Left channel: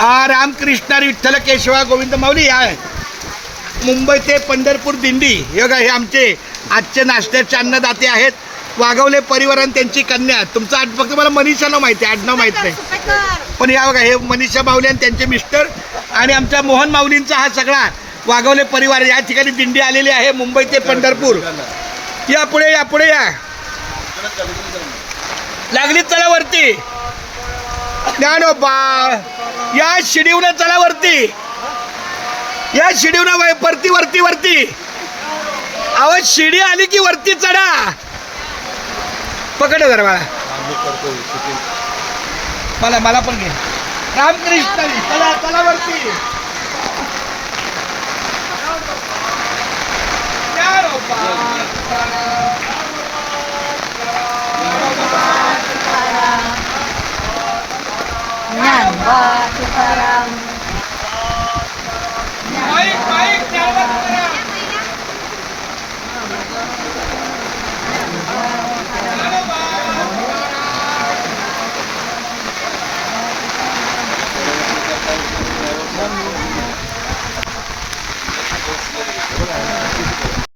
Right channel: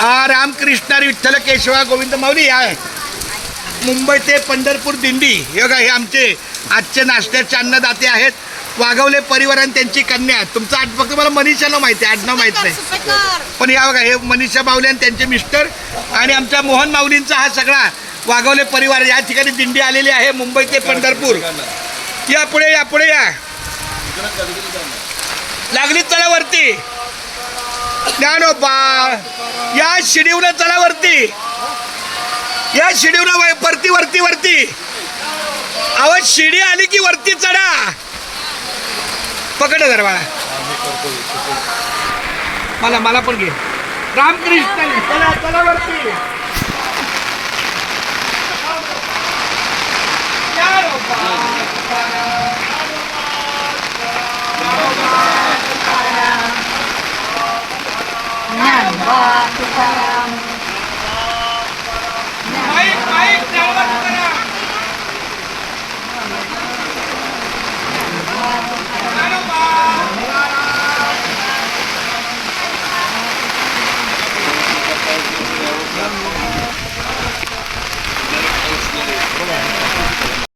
रामकृष्ण विठ्ठल केशवा गोविंद माऊली आहे. मुंबई ते पंढरपूर दिंडी हे बघा, हे आमचे आजचे नाश्त्याचे अन्नदाते आहेत. वाघवले परिवार आणि त्यांची कन्या. तुमचं आज फक्त मला मनीषानं माहिती आहे, आडनाव माहीत नाही. पण या बघा, हे मनीषा माऊली आणि त्यांचे मिस्टर आणि आमच्या मोहन माऊलींचा हा सगळा वाघवले परिवार या ठिकाणी दिंडी आलेली आहे मुंबई ते पंढरपूर. या पुढे या, पुढे या. लागली चला वरती. ज्ञानोबा या शिडीवनं चला वरती. या शिडीवनं वरती वरती वरती. अहो शिडी आली की वरती चढा. पकड जरा बाळा, मला पण घे. रामकृष्ण चला चला वरती.